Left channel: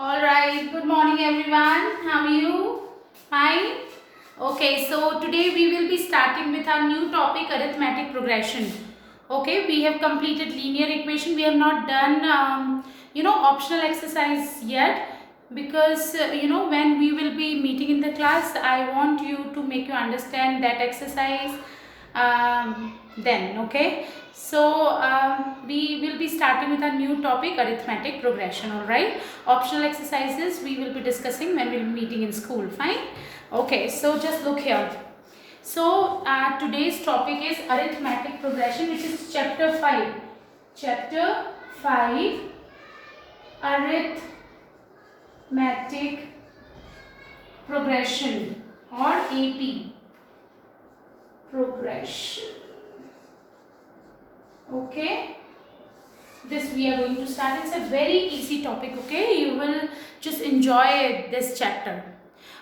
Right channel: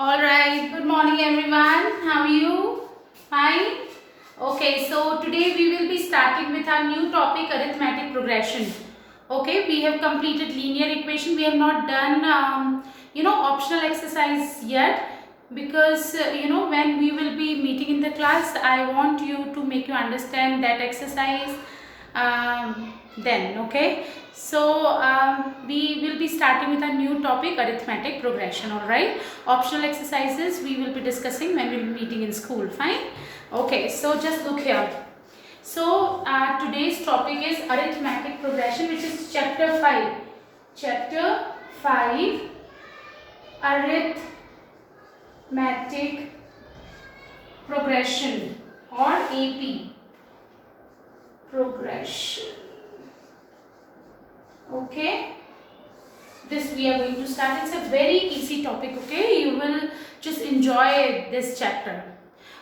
All right, good morning everyone. How are you? Fine? Okay, so today we will be starting with our new topic arithmetic progression. Okay, we have completed linear equation. We have not done optional exercise yet because when we will be meeting in the class, I want you to make you understand that exercise then. Okay, so we will be starting with a new topic arithmetic progression. All right, optional exercises we will be discussing when we will be meeting in school. Fine. Okay, so just look here. So today's topic is arithmetic progression, which is chapter 5. Chapter 5, arithmetic progression or AP progression. Okay, this we are going to start. It's a very easy topic. Okay, you will just enjoy this chapter.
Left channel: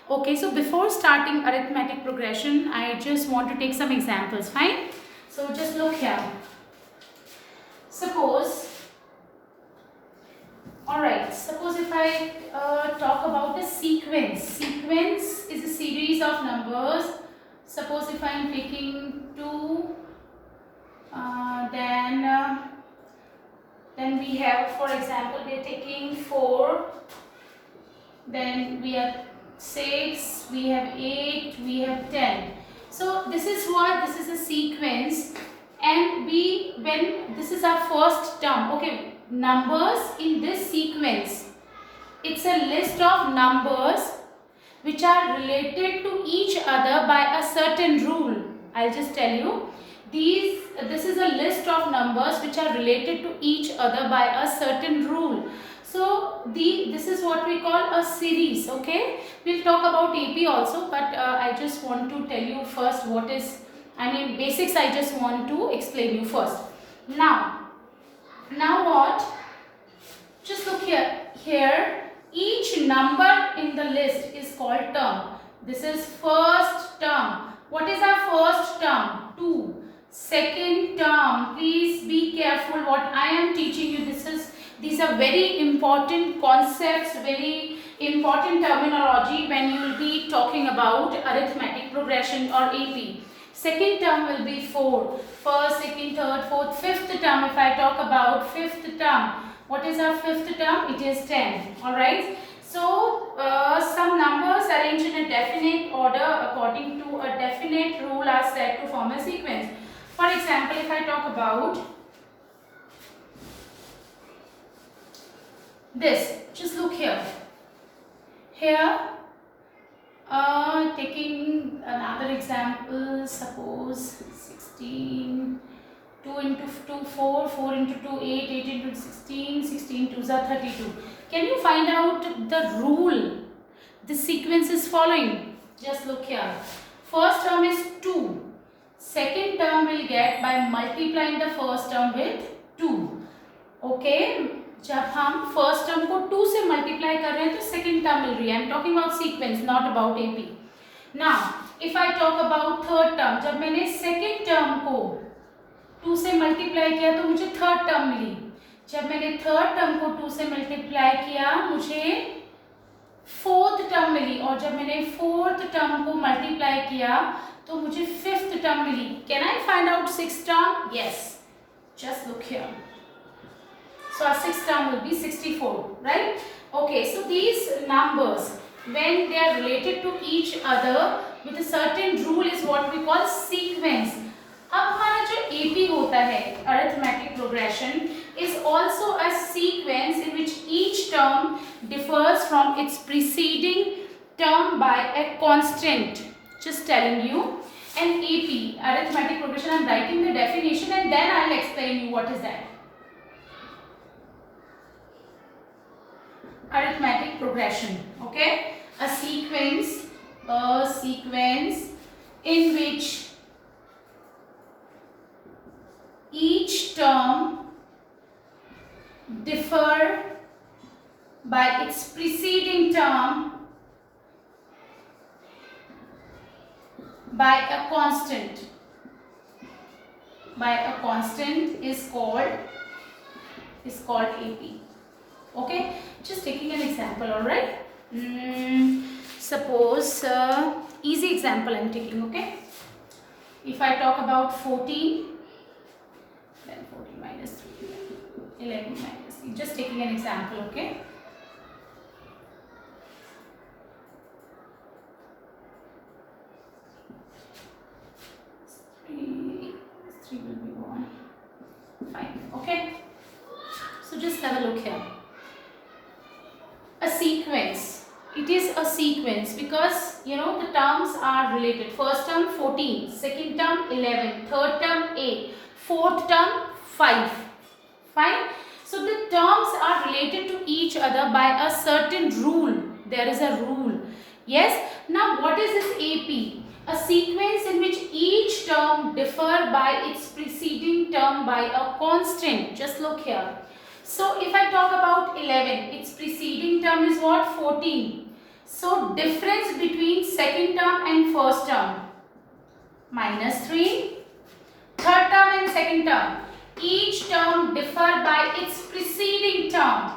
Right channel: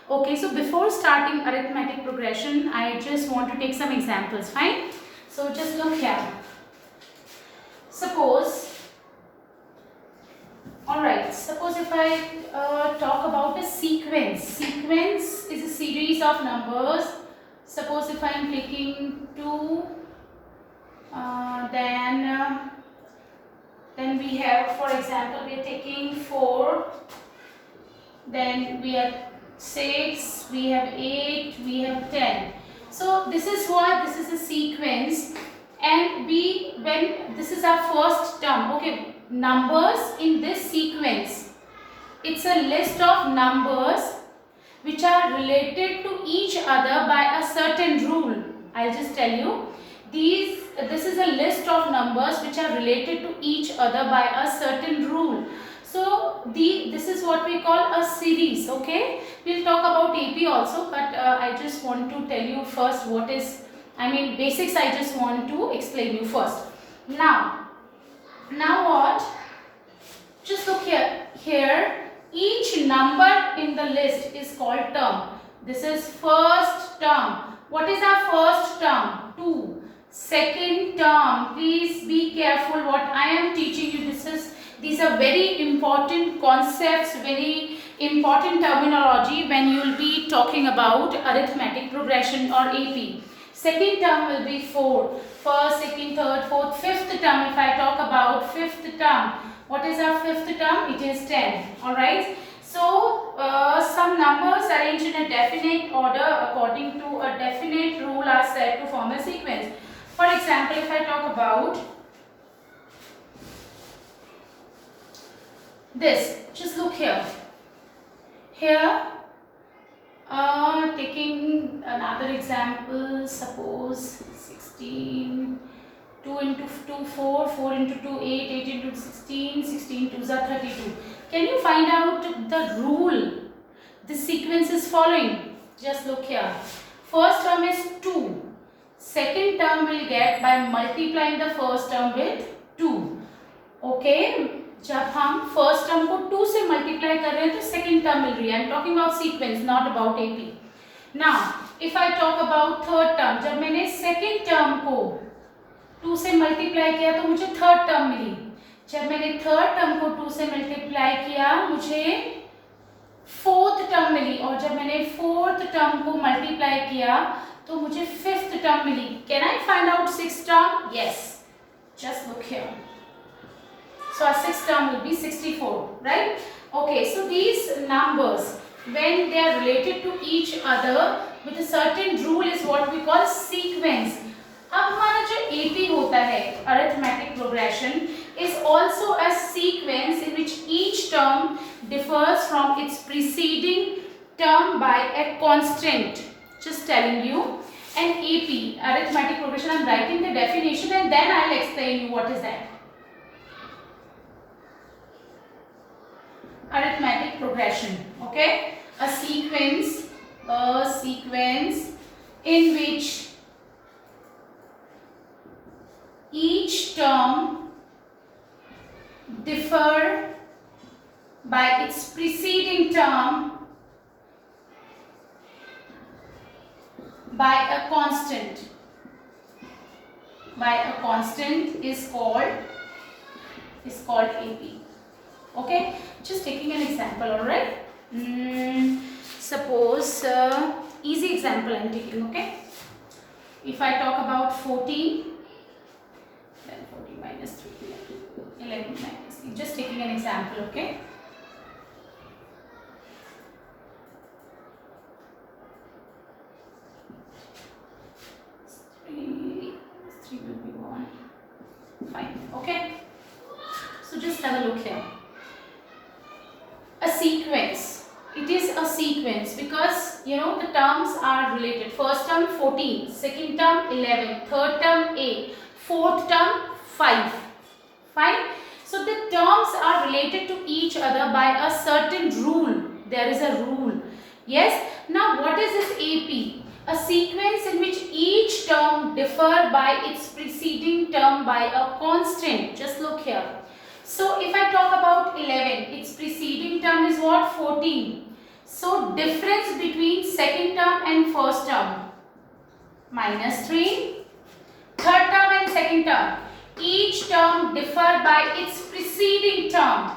Okay, so before starting arithmetic progression, I just want to take some examples. Fine. So just look here. Suppose, alright, suppose if I talk about a sequence. Sequence is a series of numbers. Suppose if I am taking 2, then we have, for example, we are taking 4, then we have 6, we have 8, we have 10. So this is what, this is a sequence, and when this is our first term. Okay, numbers in this sequence, it's a list of numbers which are related to each other by a certain rule. I'll just tell you, this is a list of numbers which are related to each other by a certain rule. So this is what we call a series. Okay, we'll talk about AP also, but I just want to tell you first what is, basics. I just want to explain you first. Now what? Just look here. Here, each number in the list is called term. This is first term. What is our first term? 2. Second term. Please be careful what I am teaching you. These are very important concepts, very important terminology when you will be talking about arithmetic progression or AP. Second term will be 4. First, second, third, fourth, fifth term. If I talk about fifth term, what is our fifth term? It is 10. Alright. So, some numbers arranged in a definite order according to a definite rule are said to form a sequence. For example, if I talk about this, just look here. Here, taking another example, suppose 16, 2 into 2, 4, 4 into 2, 8, 8 into 16, 16 2s are 32. Can you find out the rule this sequence is following? Just look here. First term is 2. Second term will get by multiplying the first term with 2. Okay, जब हम first term को 2 से multiply कर रहे हैं तो second term मिल रही है. I am talking about sequence, not about AP. Now if I talk about third term, जब मैंने सेकेंड टर्म को 2 से मल्टीप्लाई किया तो मुझे थर्ड टर्म मिली. जब मैंने थर्ड टर्म को 2 से मल्टीप्लाई किया मुझे फोर्थ टर्म मिली, और जब मैंने फोर्थ टर्म को मल्टीप्लाई किया तो मुझे फिफ्थ टर्म मिली. Can I find out sixth term? Yes, just look here. So our sixth term will be 64, right? Okay, so these numbers, when they are related to each other with a certain rule, is what we call sequence. अब हमारा जो AP होता है, arithmetic progression, is also a sequence in which each term differs from its preceding term by a constant. Just telling you. And AP, arithmetic progression, I am writing the definition and then I will explain you what is that. Arithmetic progression. Okay, a sequence in which each term differ by its preceding term by a constant. By a constant is called AP. Okay, just taking an example, all right? Suppose easy example I'm taking. Okay, if I talk about 14, then 14 minus 3, 11 minus 3. Just taking an example. Okay. Three will be 1. Fine. Okay. So just have a look here. A sequence. It is a sequence because the terms are related. First term 14, second term 11, third term 8, fourth term 5. Fine. So the terms are related to each other by a certain rule. There is a rule. Yes. Now what is this AP? A sequence in which each term differ by its preceding term by a constant. Just look here. So if I talk about 11, its preceding term is what? 14. So difference between second term and first term, minus 3. Third term and second term, each term differ by its preceding term.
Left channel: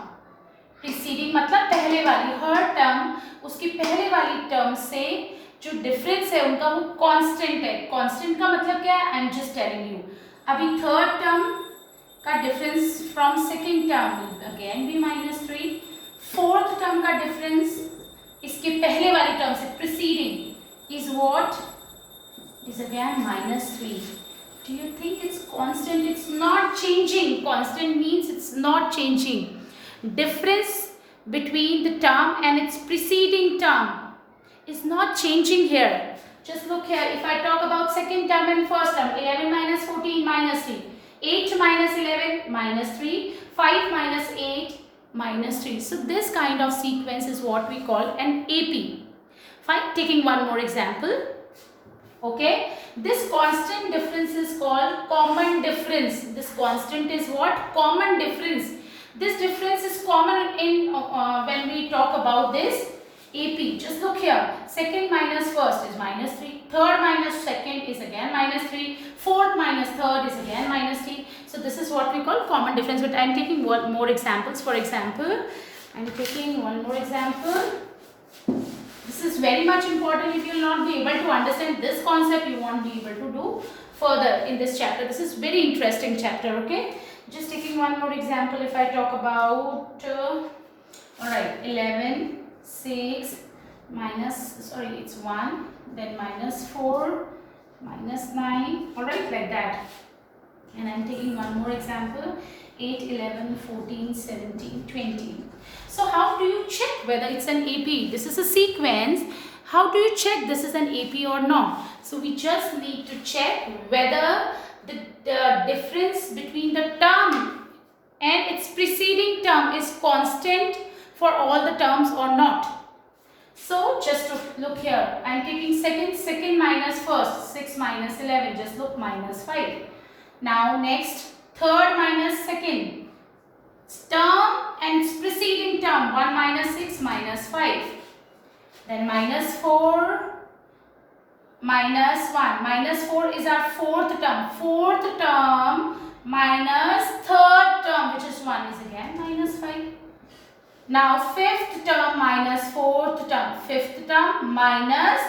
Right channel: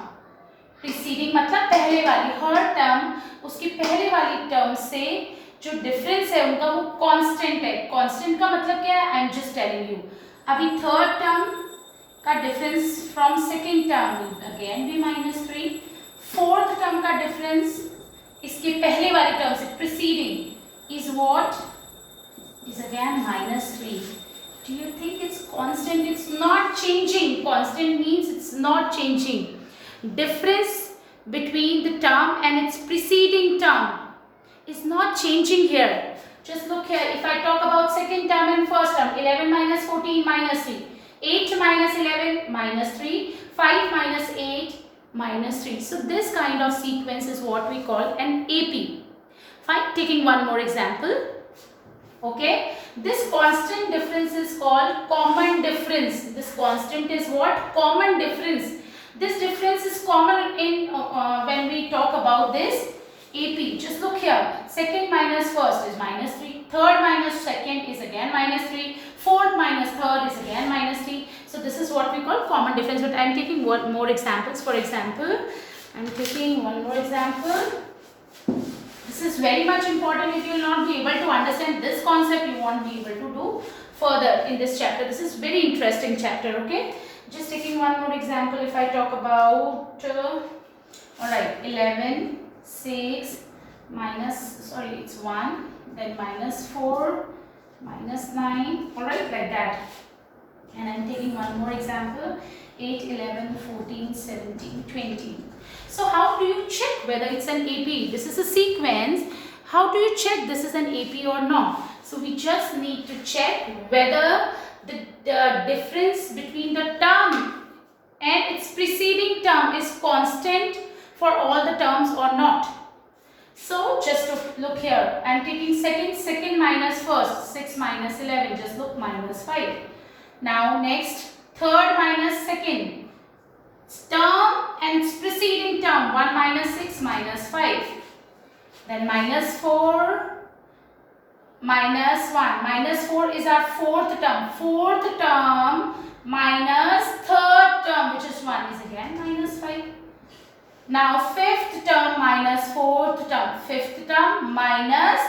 Preceding मतलब पहले वाली, हर term उसकी पहले वाली term से जो difference है उनका वो constant है. Constant का मतलब क्या है? I am just telling you. अभी third term का difference from second term will again be minus 3. Fourth term का difference इसके पहले वाली term से preceding is what? Is again minus 3. Do you think it's constant? It's not changing. Constant means it's not changing. Difference between the term and its preceding term is not changing here. Just look here. If I talk about second term and first term, 11 minus 14 minus 3. 8 minus 11 minus 3. 5 minus 8 minus 3. So this kind of sequence is what we call an AP. Fine. Taking one more example. Okay. This constant difference is called common difference. This constant is what? Common difference. This difference is common in when we talk about this AP. Just look here. Second minus first is minus 3. Third minus second is again minus 3. Fourth minus third is again minus 3. So this is what we call common difference. But I am taking one more examples. For example, I am taking one more example. This is very much important. If you will not be able to understand this concept, you won't be able to do further in this chapter. This is very interesting chapter. Okay. Just taking one more example. If I talk about, alright, 11. 6 minus, sorry, it's 1, then minus 4, minus 9, alright, like that. And I'm taking one more example, 8, 11, 14, 17, 20. So how do you check whether it's an AP? This is a sequence. How do you check this is an AP or not? So we just need to check whether the difference between the term and its preceding term is constant for all the terms or not. So just to look here, I am taking second minus first, 6 minus 11, just look, minus 5. Now next, third minus second, term and its preceding term, 1 minus 6 minus 5. Then minus 4, minus 1, minus 4 is our fourth term. Fourth term minus third term, which is 1, is again minus 5. Now fifth term minus fourth term. Fifth term minus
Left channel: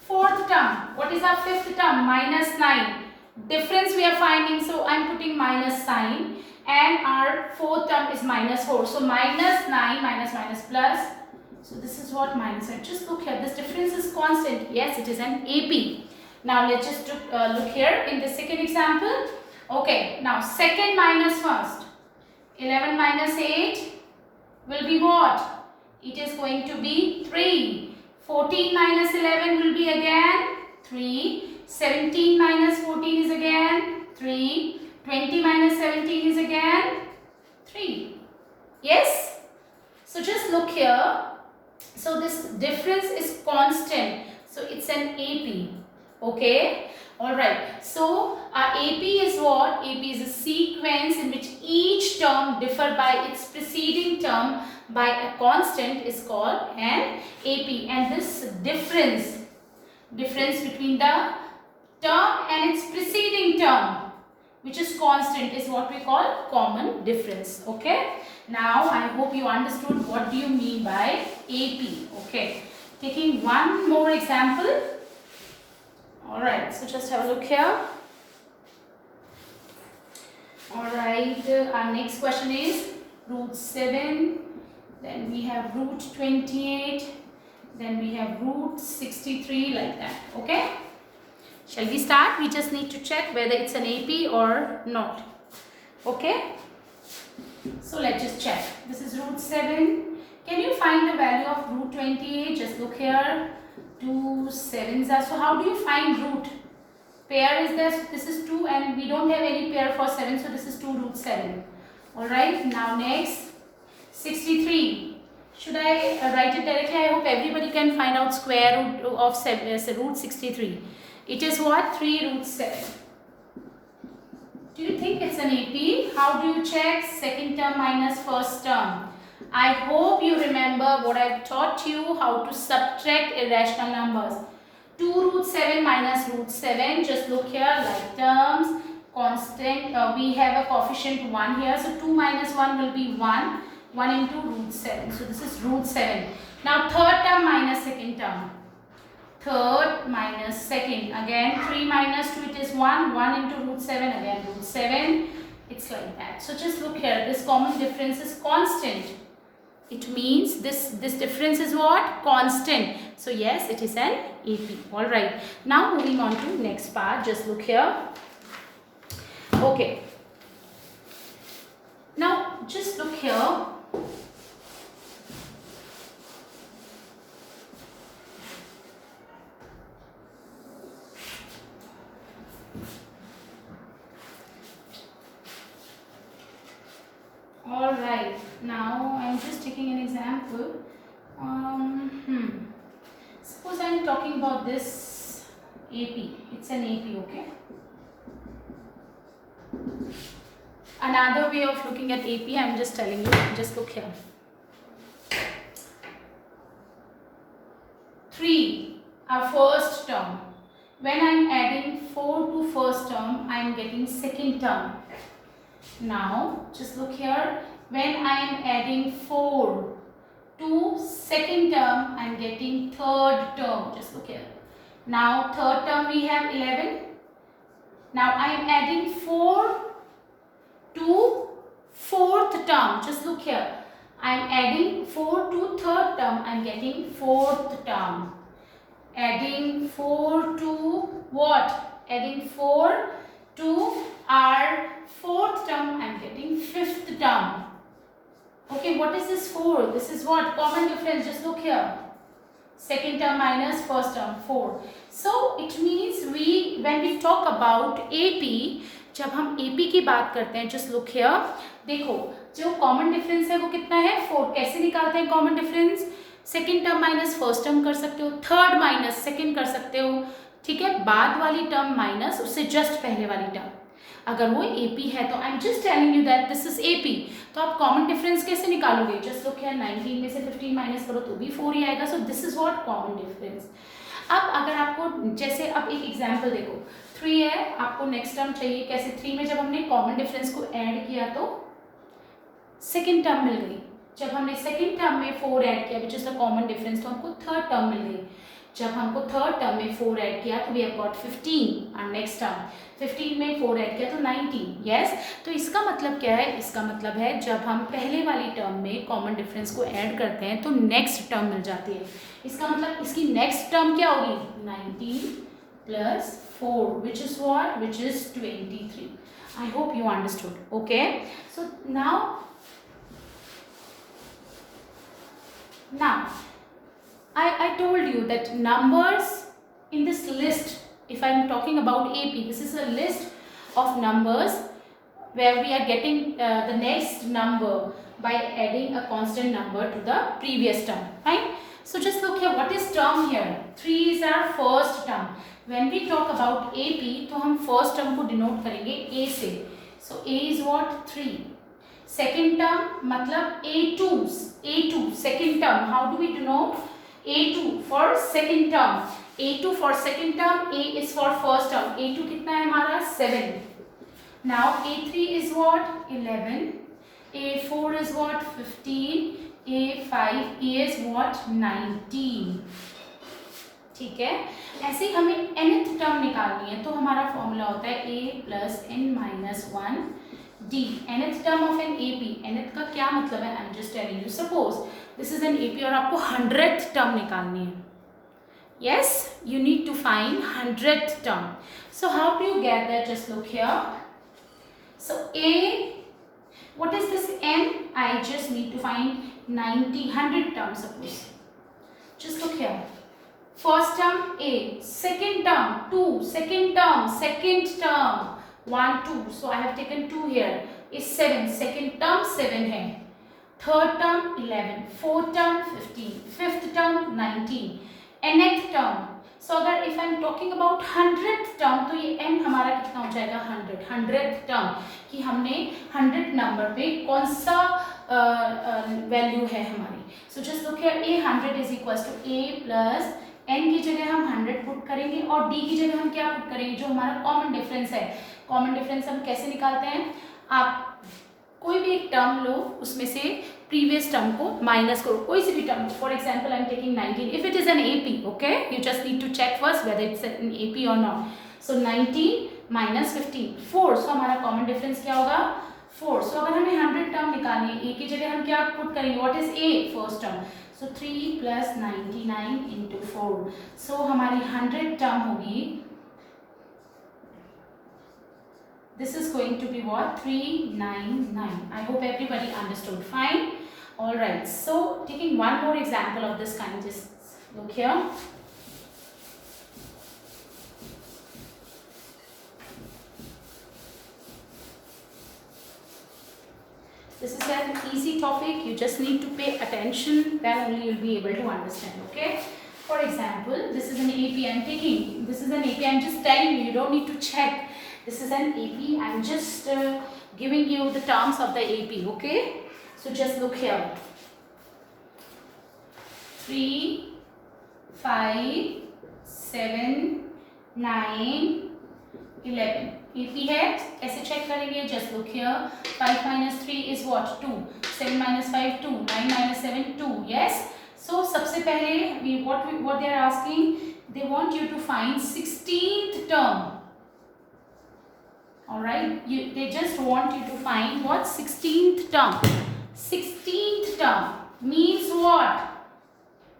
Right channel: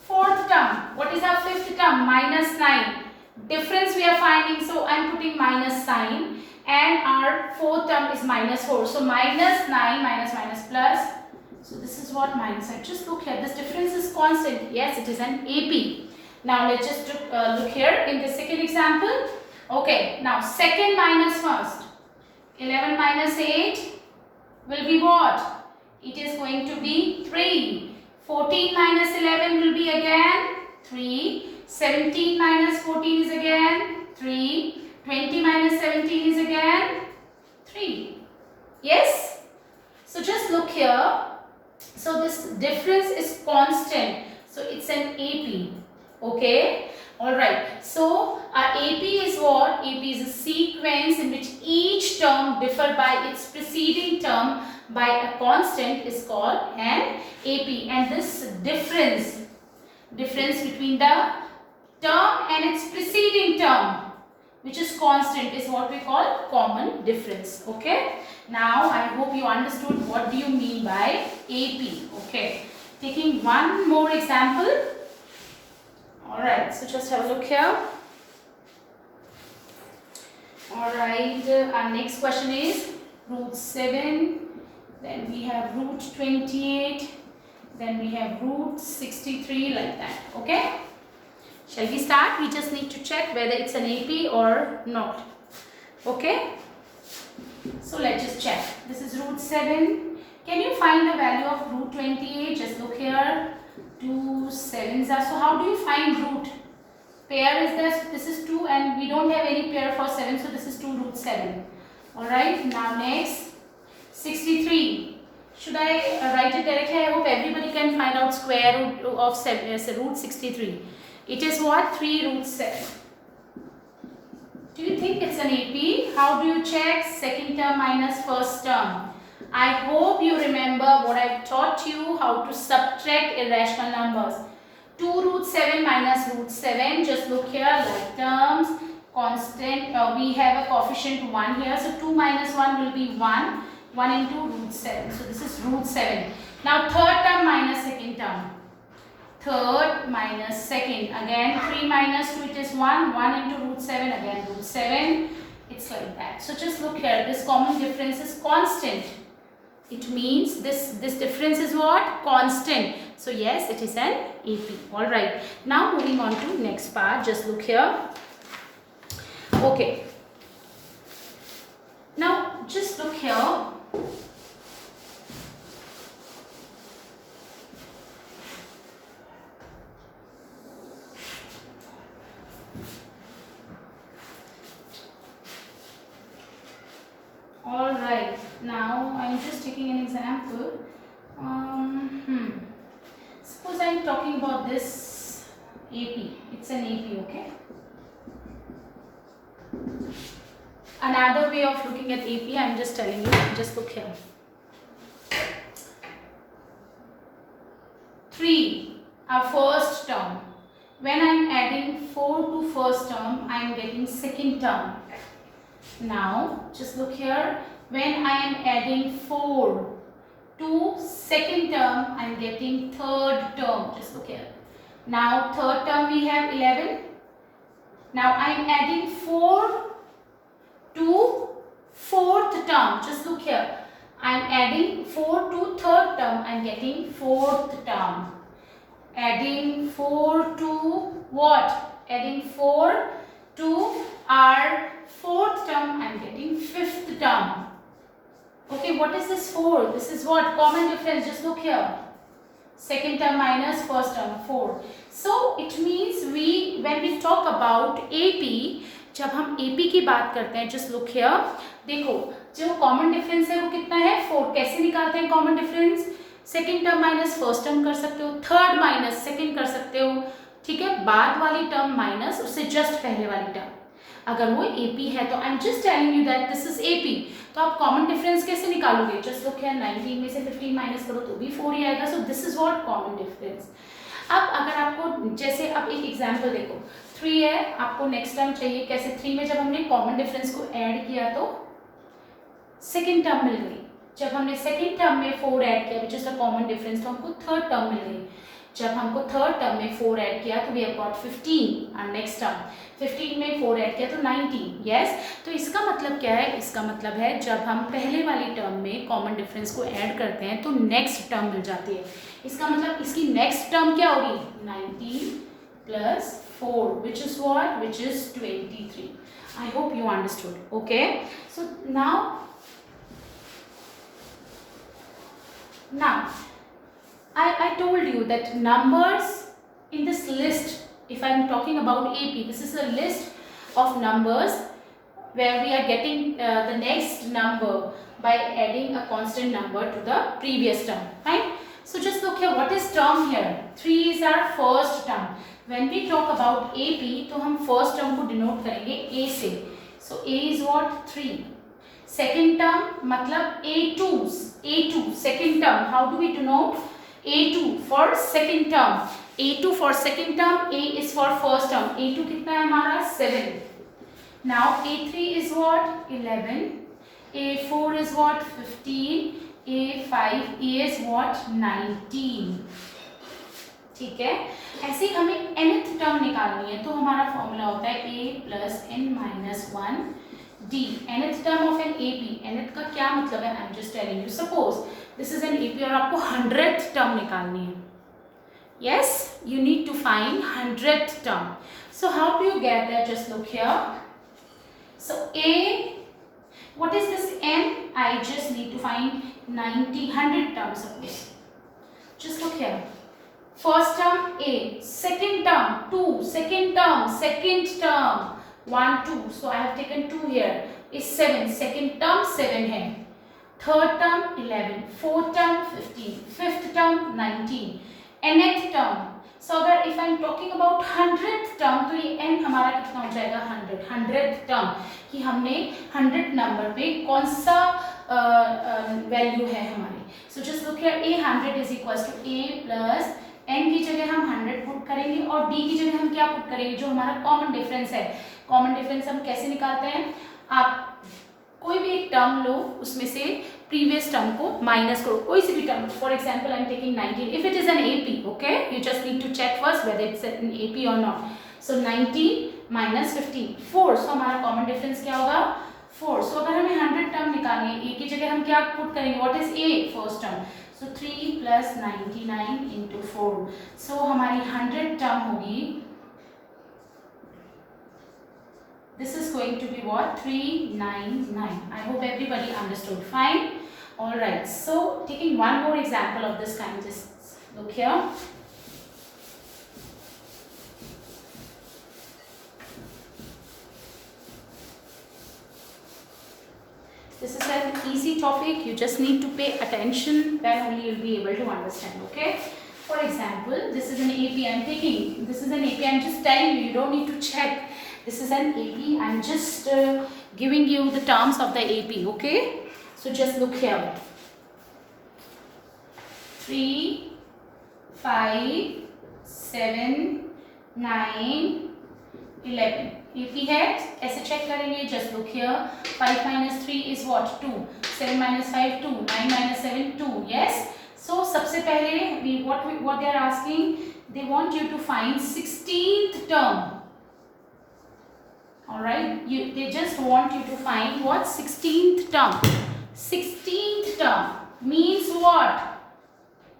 fourth term. What is our fifth term? Minus 9. Difference we are finding, so I am putting minus sign, and our fourth term is minus 4. So minus 9 minus minus plus. So this is what minus 9. Just look here. This difference is constant. Yes, it is an AP. Now let's just look here in the second example. Okay. Now second minus first. 11 minus 8. Will be what? It is going to be 3. 14 minus 11 will be again 3. 17 minus 14 is again 3. 20 minus 17 is again 3. Yes? So just look here. So this difference is constant. So it's an AP. Okay? Alright. So our AP is what? AP is a sequence in which each term differ by its preceding term by a constant is called an AP. And this difference between the term and its preceding term, which is constant, is what we call common difference. Okay, now I hope you understood what do you mean by AP. Okay, taking one more example. All right, so just have a look here. All right, our next question is root 7, then we have root 28, then we have root 63, like that. Okay, shall we start? We just need to check whether it's an AP or not. Okay, so let's just check. This is root 7. Can you find the value of root 28? Just look here. 2 7s are. So how do you find root? Pair is there. This is 2 and we don't have any pair for 7. So this is 2 root 7. Alright, now next 63. Should I write it directly? I hope everybody can find out square root of 7, root 63. It is what? 3 root 7. Do you think it's an AP? How do you check? Second term minus first term. I hope you remember what I taught you, how to subtract irrational numbers. 2 root 7 minus root 7. Just look here, like terms, constant. We have a coefficient 1 here. So 2 minus 1 will be 1. 1 into root 7. So this is root 7. Now third term minus second term. Third minus second. Again 3 minus 2, it is 1. 1 into root 7. Again root 7. It's like that. So just look here. This common difference is constant. It means this difference is what? Constant. So yes, it is an AP. Alright. Now moving on to next part. Just look here. Okay. Now just look here. Alright, now I am just taking an example. Suppose I am talking about this AP. It's an AP, okay? Another way of looking at AP, I am just telling you, just look here. 3, our first term. When I am adding 4 to first term, I am getting second term. Now, just look here. When I am adding 4 to second term, I am getting third term. Just look here. Now, third term we have 11. Now, I am adding 4 to fourth term. Just look here. I am adding 4 to third term. I am getting fourth term. Adding 4 to what? Adding 4 to our fourth term, I am getting fifth term. Okay, what is this 4? This is what? Common difference. Just look here. Second term minus first term, 4. So it means when we talk about AP, जब हम AP की बात करते हैं, just look here. देखो, जो common difference है वो कितना है? 4. कैसे निकालते हैं common difference? Second term minus first term कर सकते हो, थर्ड माइनस सेकेंड कर सकते हो, ठीक है? बाद वाली टर्म माइनस उससे जस्ट पहले वाली टर्म. अगर वो AP है तो आई am just telling you that this is AP. तो आप कॉमन डिफरेंस कैसे निकालोगे? जस्ट लुक हियर, 19 में से 15 माइनस करो तो भी 4 ही आएगा. सो this is what common difference. अब अगर आपको जैसे अब एक एग्जांपल देखो, 3 है, आपको नेक्स्ट टर्म चाहिए. कैसे? 3 में जब हमने कॉमन डिफरेंस को ऐड किया तो सेकेंड टर्म मिल गई. जब हमने सेकेंड टर्म में 4 ऐड किया which is the common difference, तो हमको थर्ड टर्म मिल गई. जब हमको थर्ड टर्म में 4 ऐड किया तो वी हैव गॉट 15 और नेक्स्ट टर्म 15 में 4 ऐड किया तो 19. यस, तो इसका मतलब क्या है? इसका मतलब है जब हम पहले वाली टर्म में कॉमन डिफरेंस को ऐड करते हैं तो नेक्स्ट टर्म मिल जाती है. इसका मतलब इसकी नेक्स्ट टर्म क्या होगी? 19 plus 4 which is what? Which is 23. I hope you understood. Okay, so now I told you that numbers in this list, if I am talking about AP, this is a list of numbers where we are getting the next number by adding a constant number to the previous term, right? So just look here, what is term here? 3 is our first term. When we talk about AP, तो हम first term को denote करेंगे A से. So A is what? 3. Second term मतलब A2 second term. How do we denote? A2 for second term. A2 for second term, A is for first term. A2 कितना है हमारा? 7. Now A3 is what? 11. A4 is what? 15. A5 is what? 19. ठीक है, ऐसे ही हमें nth term निकालनी है, तो हमारा फॉर्मूला होता है a plus n minus 1 d, nth term of an AP। nth का क्या मतलब है? I am just telling you, suppose this is an AP और आपको 100th टर्म निकालनी है। Yes, you need to find 100th term. So how do you get that? Just look here. So A, what is this n? I just need to find 90, 100 terms of this. Just look here. First term A, second term 2, second term 1, 2. So I have taken 2 here. Is 7. Second term 7 है. Third term 11. Fourth term 15. Fifth term 19. nth term. So अगर if I am talking about 100th term, तो ये n हमारा कितना हो जाएगा? 100। 100th term कि हमने 100 नंबर पे कौन सा वैल्यू है हमारी। So just look here, a 100 is equal to a plus n की जगह हम 100 पुट करेंगे और d की जगह हम क्या पुट करेंगे? जो हमारा कॉमन डिफरेंस है। कॉमन डिफरेंस हम कैसे निकालते हैं? आप कोई भी एक टर्म लो, उसमें से प्रीवियस टर्म को माइनस करो, कोई सी भी term. For example I am taking 19 if it is an AP, okay, you just need to check first whether it's an AP और नॉट। सो 19 माइनस 15 4, सो हमारा कॉमन डिफरेंस क्या होगा? 4। सो अगर हमें 100 टर्म निकालनी है, A की जगह हम क्या पुट करेंगे? What is A? First term. So 3 plus 99 into 4, सो हमारी 100 टर्म होगी, this is going to be what? 399. I hope everybody understood. Fine. All right, so taking one more example of this kind, just look here. This is an easy topic, you just need to pay attention, then only you'll be able to understand. Okay, for example, this is an AP I'm taking, this is an AP I'm just telling you, you don't need to check. This is an AP, I'm just giving you the terms of the AP. Okay, so just look here, 3 5 7 9 11 AP है, ऐसे check करेंगे। Just look here, 5 minus 3 is what? 2. 7 minus 5 2. 9 minus 7 2. Yes. So सबसे पहले what they are asking, they want you to find 16th term. All right, they just want you to find what? 16th term. 16th term means what?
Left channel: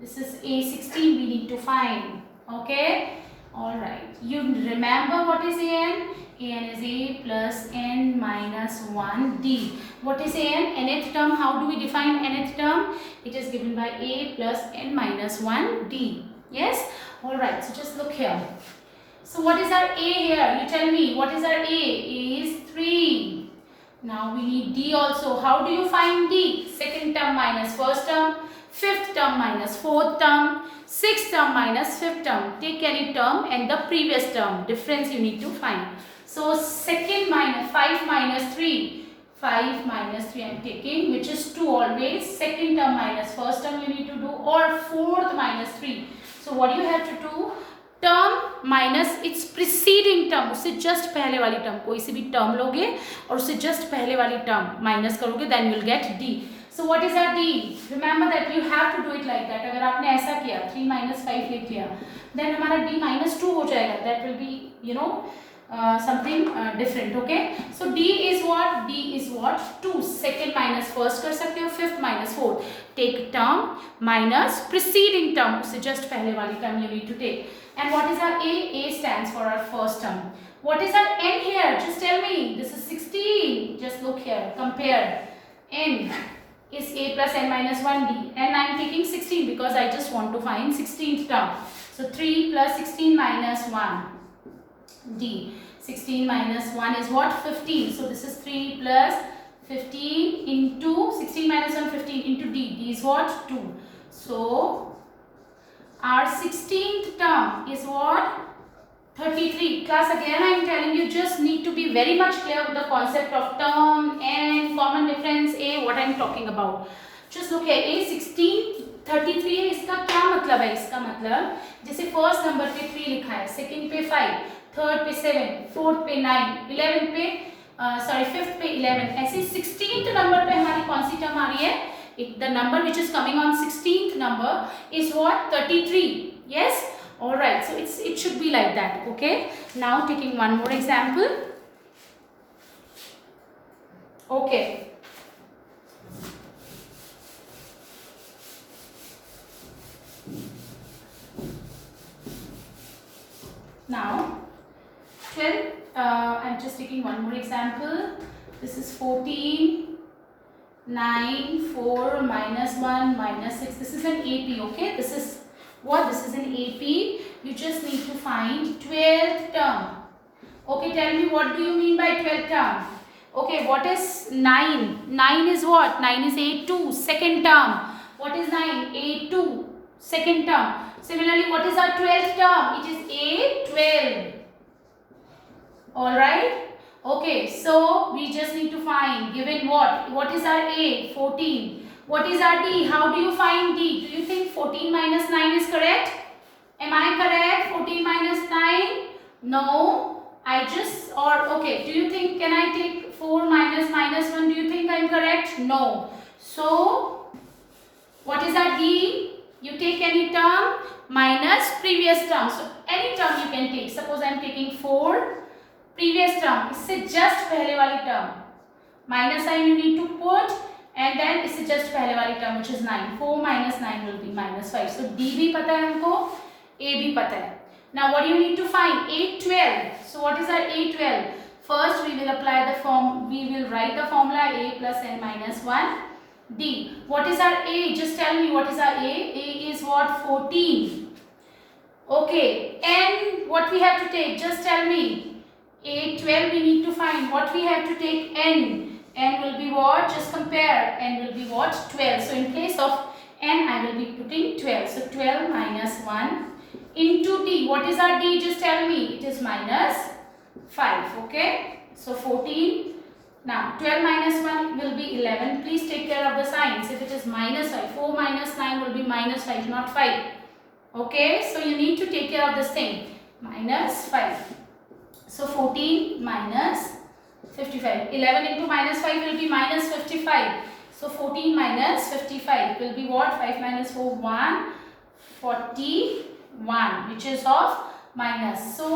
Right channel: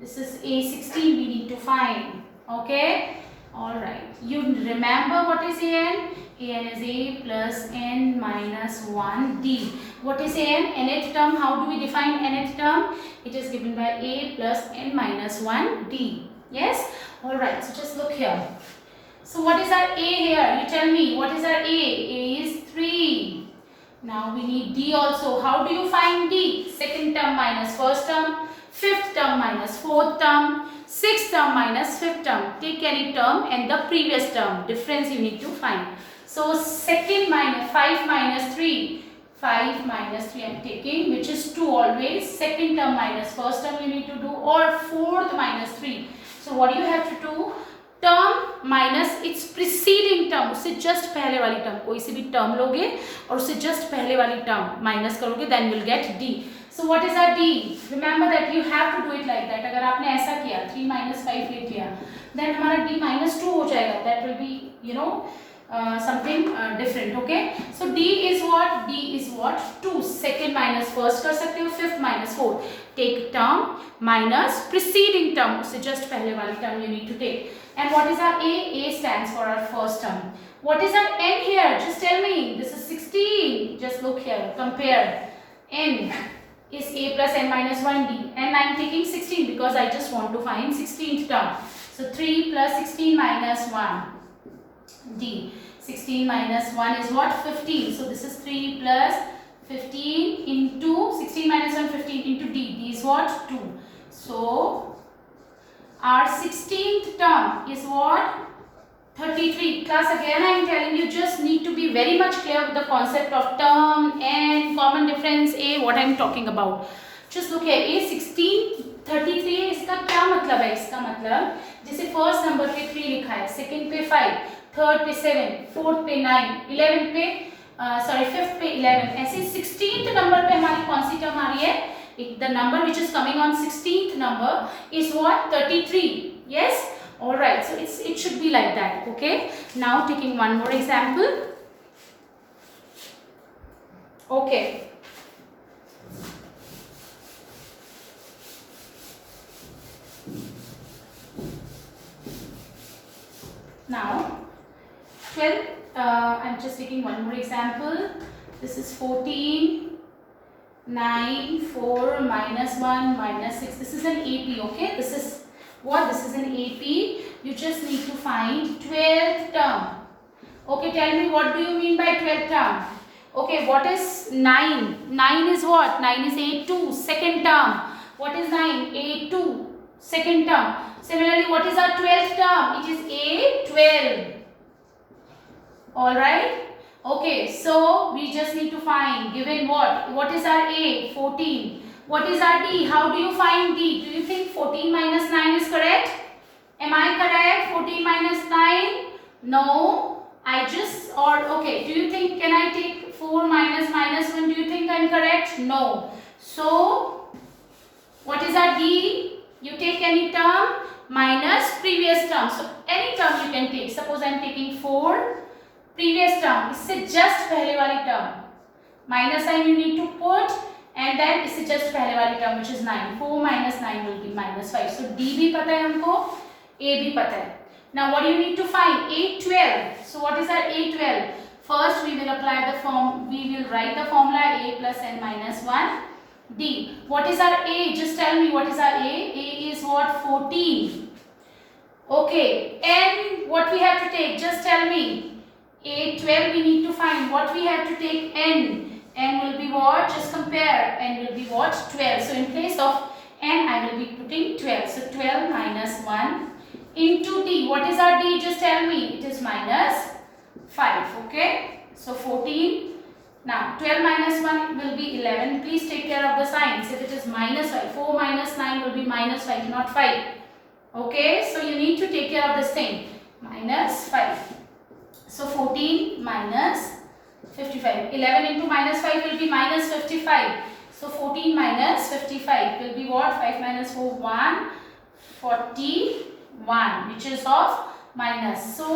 This is A16 we need to find. Okay. All right, you remember what is an? An is A plus n minus 1 d. What is an? Nth term. How do we define nth term? It is given by A plus n minus 1 d. Yes. All right, so just look here. So what is our A here? You tell me, what is our A? A is 3. Now we need D also. How do you find D? Second term minus first term, fifth term minus fourth term, sixth term minus fifth term. Take any term and the previous term difference you need to find. So second minus 5 minus 3. 5 minus 3 I am taking, which is 2 always. Second term minus first term you need to do, or fourth minus 3. So what do you have to do? Term minus it's preceding term, उससे जस्ट पहले वाली term, कोई सी भी term लोगे और उससे जस्ट पहले वाली टर्म माइनस करोगे, then will get d. So what is our d? Remember that you have to do it like that. अगर आपने ऐसा किया 3 minus 5 लिख लिया, देन हमारा डी minus 2 हो जाएगा, that will be you know something different. Okay, so D is what? D is what? 2. Second minus first कर सकते हो, fifth minus fourth. Take term minus preceding term, उससे just पहले वाली term you need to take. And what is our A? A stands for our first term. What is our N here? Just tell me. This is 16. Just look here. Compare. N is A plus N minus 1 D. And I am taking 16 because I just want to find 16th term. So 3 plus 16 minus 1. D. 16 minus 1 is what? 15. So this is 3 plus 15 into 16 minus 1, 15 into D. D is what? 2. So our 16th term is what? 33. Class, again I am telling you, just need to be very much clear with the concept of term and common difference A, what I am talking about. Just look here, A 16 33 है, इसका क्या मतलब है? इसका मतलब जैसे first number पे 3 लिखा है, सेकंड पे 5, थर्ड पे 7, फोर्थ पे 9, 11 पे सॉरी 5th पे 11, ऐसे 16th नंबर पे हमारी कौन सी टर्म आ रही है? The number which is coming on 16th number is what? 33. Yes, all right, so it should be like that. Okay, now taking one more example. Okay, now 12, I'm just taking one more example. This is 14, 9, 4, -1, -6. This is an AP. Okay, this is what? This is an AP. You just need to find 12th term. Okay, tell me, what do you mean by 12th term? Okay, what is 9? 9 is what? 9 is A2, second term. What is 9? A2, second term. Similarly, what is our 12th term? It is A12. All right. Okay, so we just need to find, given what is our A? 14. What is our D? How do you find D? Do you think 14 minus 9 is correct? Am I correct? 14 minus 9? No. Okay, do you think, can I take 4 minus -1? Do you think I'm correct? No. So, what is our D? You take any term minus previous term. So, any term you can take. Suppose I'm taking 4. previous term, इससे just पहले वाली term, minus sign you need to put, and then इससे just पहले वाली term which is 9. 4 minus 9 will be -5. So D भी पता है हमको, A भी पता है. Now what do you need to find? A12. So what is our A12? First we will apply the we will write the formula A plus n minus 1. D. What is our A? Just tell me what is our A? A is what? 14. Okay. N, what we have to take? Just tell me. A12 we need to find. What we have to take? N. N will be what? Just compare. N will be what? 12. So in place of N I will be putting 12. So 12 minus 1 into D. What is our D? Just tell me. It is minus 5. Okay. So 14. Now 12 minus 1 will be 11. Please take care of the signs. If it is minus 5. 4 minus 9 will be minus 5, not 5. Okay. So you need to take care of this thing. Minus 5. So 14 minus 55. 11 into minus 5 will be minus 55. So 14 minus 55 will be what? 5 minus 4, 1. 41, which is of minus. So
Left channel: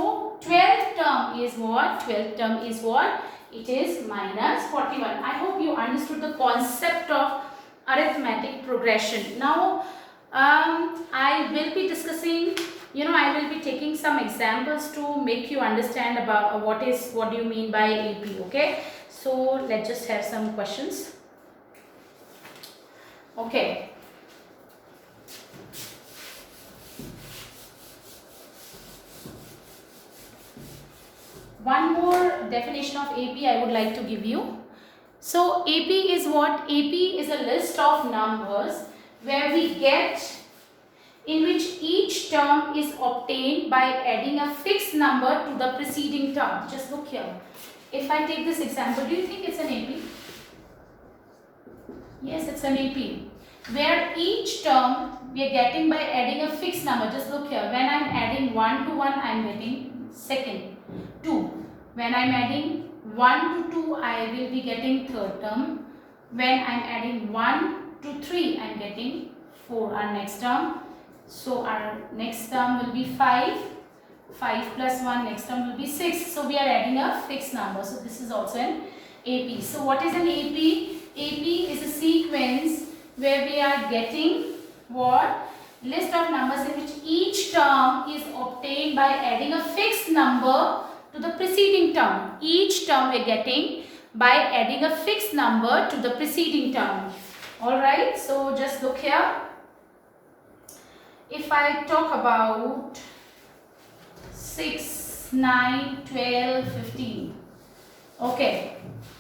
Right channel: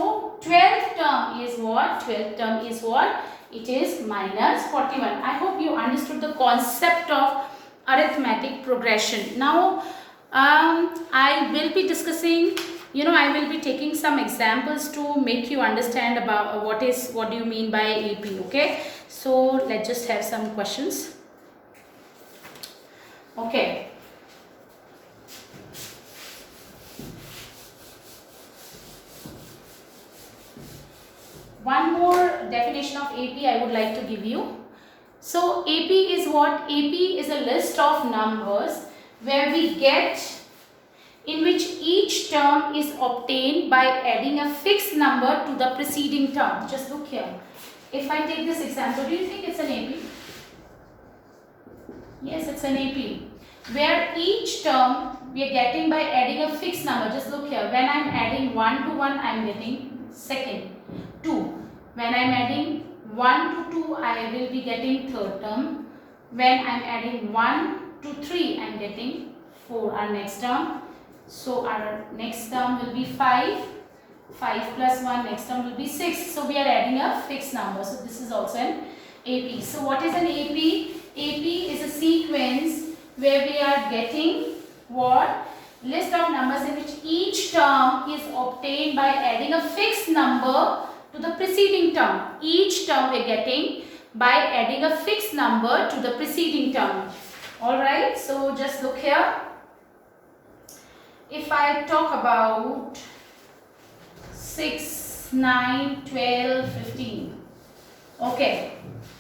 12th term is what? 12th term is what? It is minus 41. I hope you understood the concept of arithmetic progression. Now I will be discussing, I will be taking some examples to make you understand about what do you mean by AP. Okay, so let's just have some questions. Okay, one more definition of AP I would like to give you. So AP is what? AP is a list of numbers where we get, in which each term is obtained by adding a fixed number to the preceding term. Just look here. If I take this example, do you think it's an AP? Yes, it's an AP. Where each term we are getting by adding a fixed number. Just look here. When I'm adding 1 to 1, I'm getting second. 2. When I'm adding 1 to 2, I will be getting third term. When I'm adding 1 to 3, I'm getting 4, our next term. So our next term will be 5. 5 plus 1, next term will be 6. So we are adding a fixed number. So this is also an AP. So what is an AP? AP is a sequence where we are getting what? List of numbers in which each term is obtained by adding a fixed number to the preceding term. Each term we are getting by adding a fixed number to the preceding term. Alright, so just look here. If I talk about 6, 9, 12, 15. Okay,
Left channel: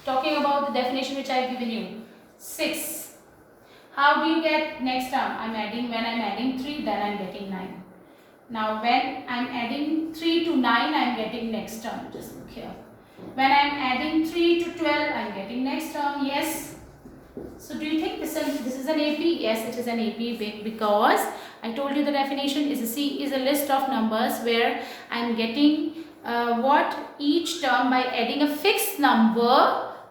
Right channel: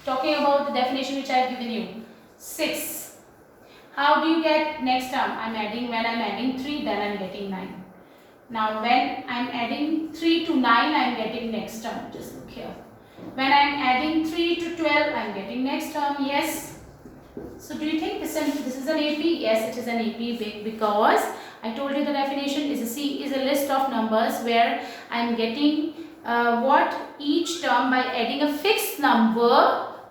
talking about the definition which I have given you. 6. How do you get next term? When I'm adding 3, then I'm getting 9. Now when I'm adding 3 to 9, I'm getting next term. Just look here. When I'm adding 3 to 12, I'm getting next term. Yes. So do you think this is an AP? Yes, it is an AP because I told you the definition is a list of numbers where I'm getting what each term by adding a fixed number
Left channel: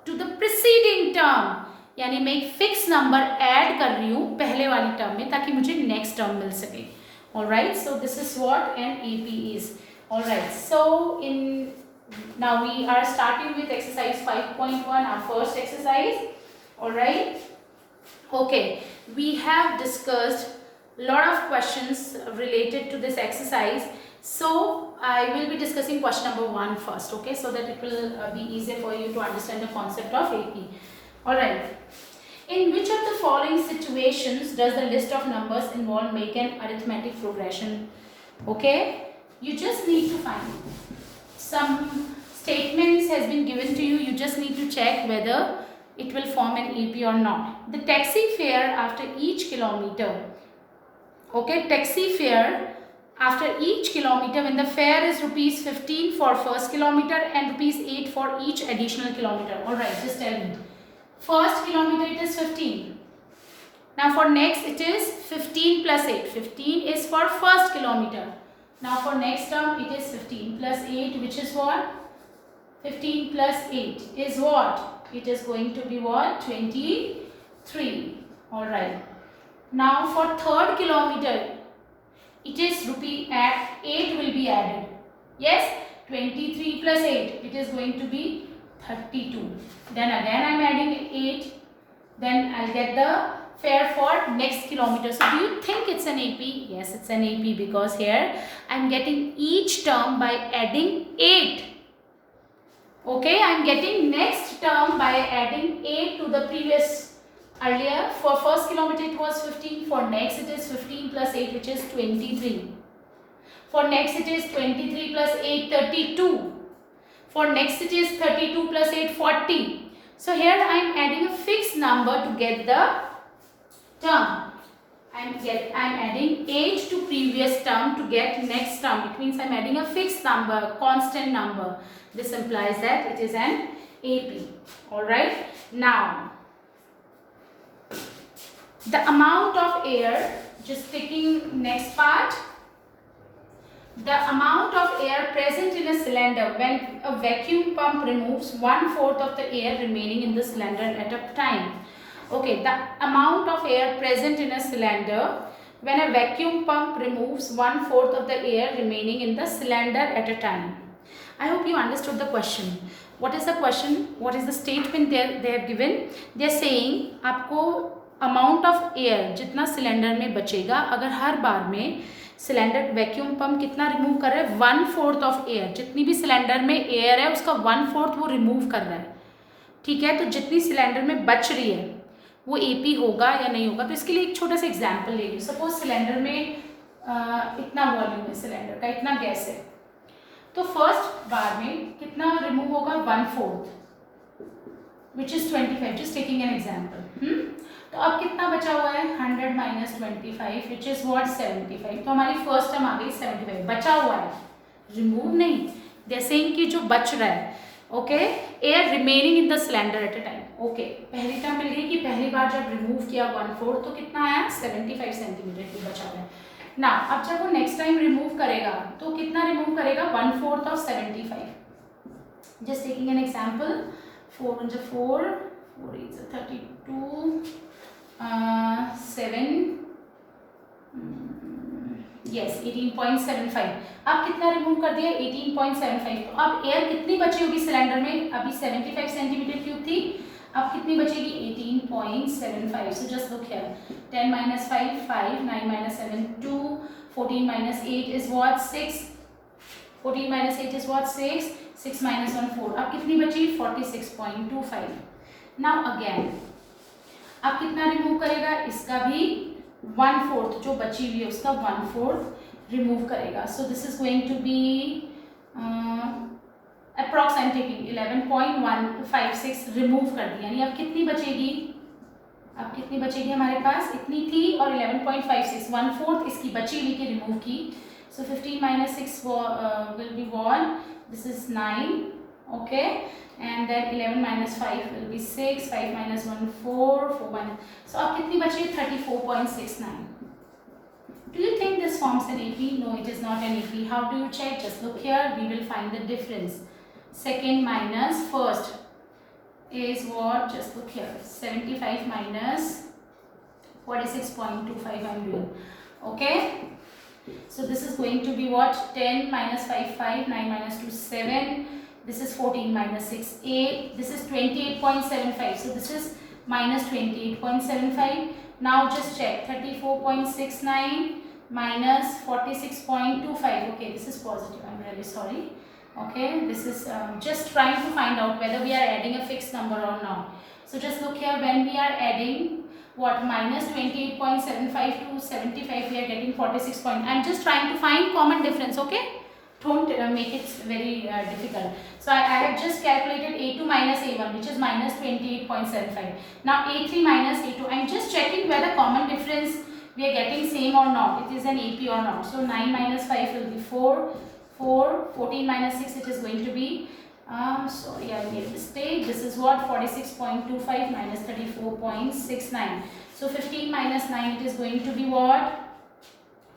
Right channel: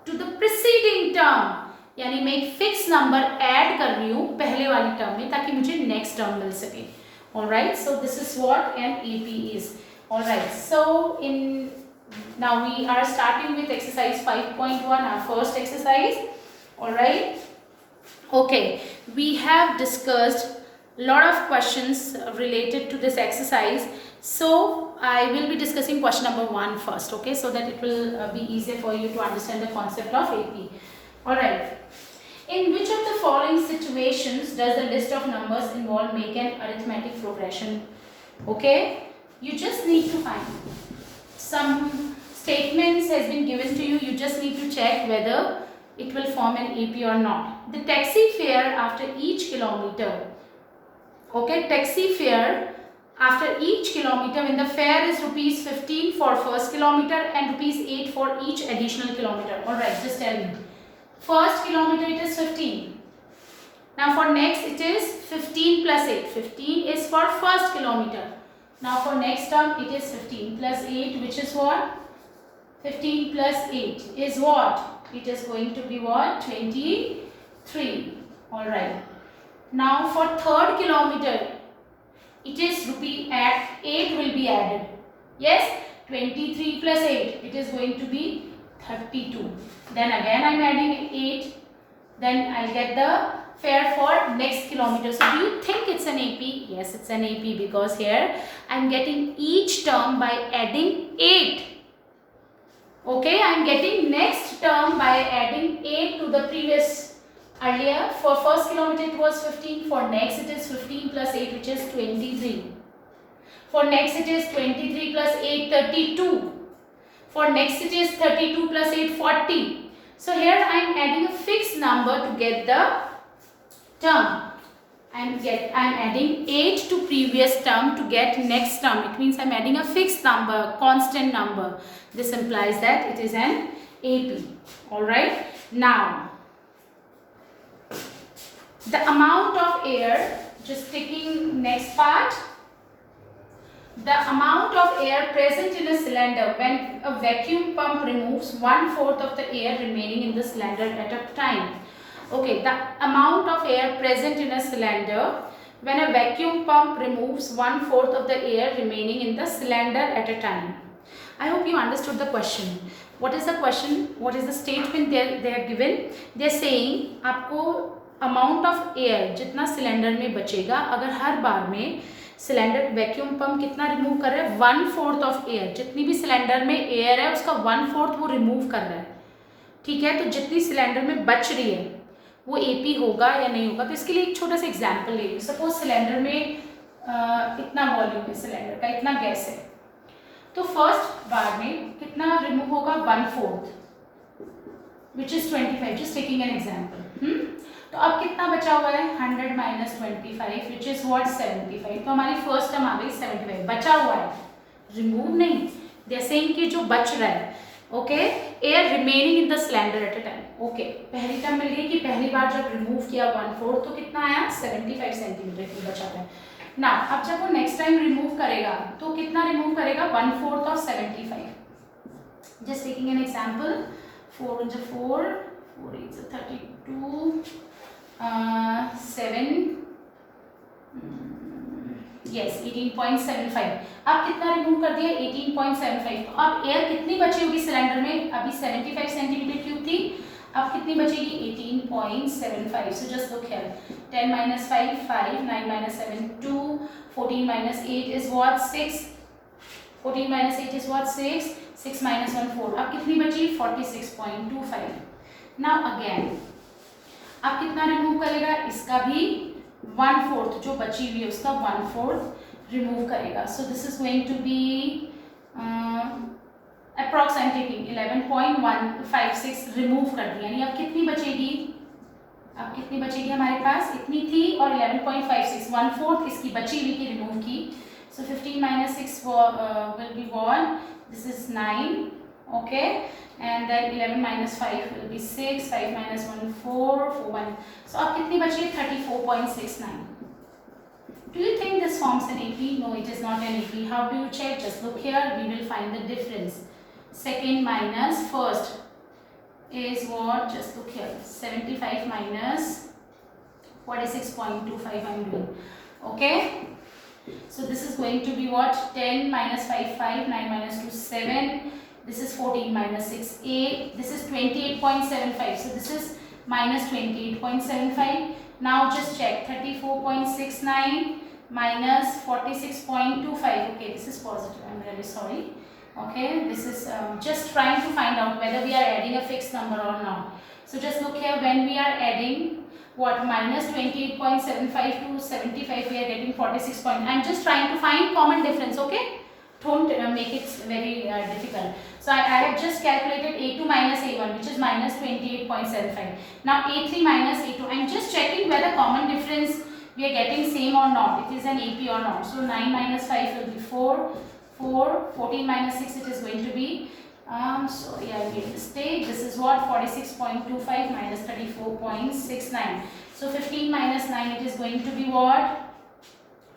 to the preceding term. यानी मैं एक fix number add कर रही हूँ पहले वाली term में ताकि मुझे नेक्स्ट टर्म मिल सके. Alright, so this is what an AP is. Alright, so now we are starting with exercise 5.1, our first exercise. Alright, okay, we have discussed a lot of questions related to this exercise. So I will be discussing question number 1 first, okay, so that it will be easier for you to understand the concept of AP. Alright, in which of the following situations does the list of numbers involved make an arithmetic progression? Okay, you just need to find some statements has been given to you. You just need to check whether it will form an AP or not. The taxi fare after each kilometer. Okay, taxi fare after each kilometer, when the fare is rupees 15 for first kilometer and rupees 8 for each additional kilometer. Alright, just tell me. First kilometer it is 15. Now for next it is 15 plus 8. 15 is for first kilometer. Now for next term it is 15 plus 8, which is what? 15 plus 8 is what? It is going to be what? 23. Alright. Now for third kilometer it is rupee at 8 will be added. Yes? 23 plus 8. It is going to be 32. Then again I am adding 8. Then I will get the fare for next kilometer. So do you think it's an AP? Yes, it's an AP because here I am getting each term by adding 8. Okay, I am getting next term by adding 8 to the previous. Earlier for first kilometer it was 15. For next it is 15 plus 8, which is 23. For next it is 23 plus 8, 32. For next it is 32 plus 8, 40. So here I am adding a fixed number to get the term. I am adding 8 to previous term to get next term. It means I am adding a fixed number, constant number. This implies that it is an AP. Alright. Now, the amount of air, just taking next part. The amount of air present in a cylinder when a vacuum pump removes 1/4 of the air remaining in the cylinder at a time. Okay, the amount of air present in a cylinder when a vacuum pump removes 1/4 of the air remaining in the cylinder at a time. I hope you understood the question. What is the question? What is the statement they have given? They are saying आपको amount of air जितना cylinder में बचेगा अगर हर बार में cylinder vacuum pump कितना remove कर रहा है 1/4 ऑफ एयर, जितनी भी सिलेंडर में एयर है उसका 1/4 वो रिमूव कर रहा है. ठीक है, तो जितनी सिलेंडर में बच रही है वो एपी होगा या नहीं होगा. तो इसके लिए एक छोटा सा एग्जांपल ले लीजिए. सपोज सिलेंडर में इतना वॉल्यूम है, सिलेंडर का इतना गैस है, तो फर्स्ट बार में कितना रिमूव होगा 1/4 which is 25. Just taking an example. तो अब कितना बचा हुआ है 100 माइनस 25 विच इज व्हाट 75. तो हमारी फर्स्ट टर्म आ गई 75. बचा हुआ है, रिमूव नहीं. जैसे कि जो बच रहा है. Okay, air remaining in the cylinder at a time. Okay, पहली टर्म मिल गई कि पहली बार जब रिमूव किया 1/4 तो कितना आया 75 सेंटीमीटर की बचा हुआ है. ना अब जब वो नेक्स्ट टाइम रिमूव करेगा तो कितना रिमूव करेगा 1/4 of 75. Just taking an example. 4 × 4 4 × 32 7 yes 18.75. अब कितना रिमूव कर दिया 18.75. तो अब एयर कितनी बची होगी सिलेंडर में? अभी 75 सेंटीमीटर क्यूब थी, अब कितनी बचेगी 18.75. सो just look here. 10 minus 5 5, 9 minus 7 2, 14 minus 8 is what 6. 14 minus 8 is what 6. 6 minus 1 4. अब कितनी बची 46.25. नाउ अगेन अब कितना रिमूव करेगा? इसका भी 1/4 जो बची हुई है उसका 1/4 रिमूव करेगा. So this is going to be approx I am taking 11.156 remove कर दी. यानी अब कितनी बचेगी? अब कितनी बचेगी हमारे पास? इतनी थी और 11.56 1/4 इसकी बची हुई की रिमूव की. सो 15 minus 6 will be what? This is 9. Okay, and then 11 minus 5 will be 6. 5 minus 1 4 4 1. So अब कितनी बची है 34.69. Do you think this forms an AP? No, it is not an AP. How do you check? Just look here. We will find the difference. Second minus first is what? Just look here. 75 minus 46.25 I am doing. Okay. So this is going to be what? 10 minus 5, 5. 9 minus 2, 7. This is 14 minus 6, 8. This is 28.75. So this is minus 28.75. Now just check. 34.69 minus 46.25. Okay, this is positive. I'm really sorry. Okay, this is just trying to find out whether we are adding a fixed number or not. So just look here, when we are adding what, minus 28.75 to 75, we are getting 46. I'm just trying to find common difference. Okay, don't make it very difficult. So I have just calculated A2 minus A1, which is minus 28.75. Now A3 minus A2. I'm just checking whether common difference we are getting same or not. It is an AP or not. So 9 minus 5 will be 4. 4. 14 minus 6, it is going to be sorry, I made a mistake. This is what? 46.25 minus 34.69. So 15 minus 9, it is going to be what?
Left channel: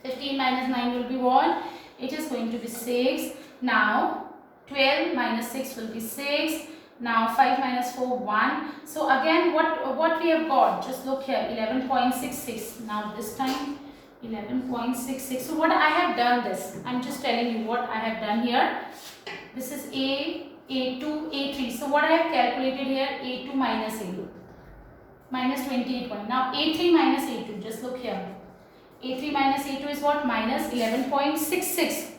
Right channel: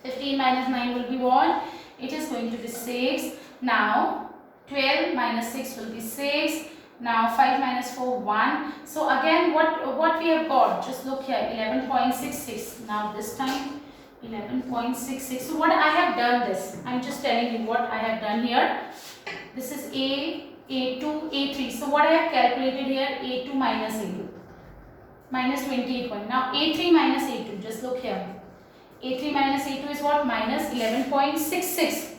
15 minus 9 will be what? It is going to be 6. Now 12 minus 6 will be 6. Now 5 minus 4, 1. So again, what we have got? Just look here, 11.66. Now this time 11.66. So what I have done this, I'm just telling you what I have done here. This is A, A2, A3. So what I have calculated here, A2 minus A2. Minus 28 point. Now A3 minus A2. Just look here. A3 minus A2 is what? Minus 11.66.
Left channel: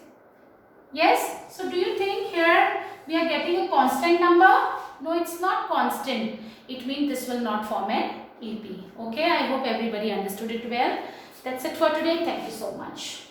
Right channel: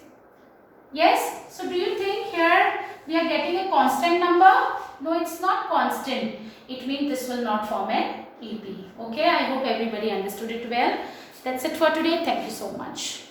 Yes? So do you think here we are getting a constant number? No, it's not constant. It means this will not form an AP. Okay, I hope everybody understood it well. That's it for today. Thank you so much.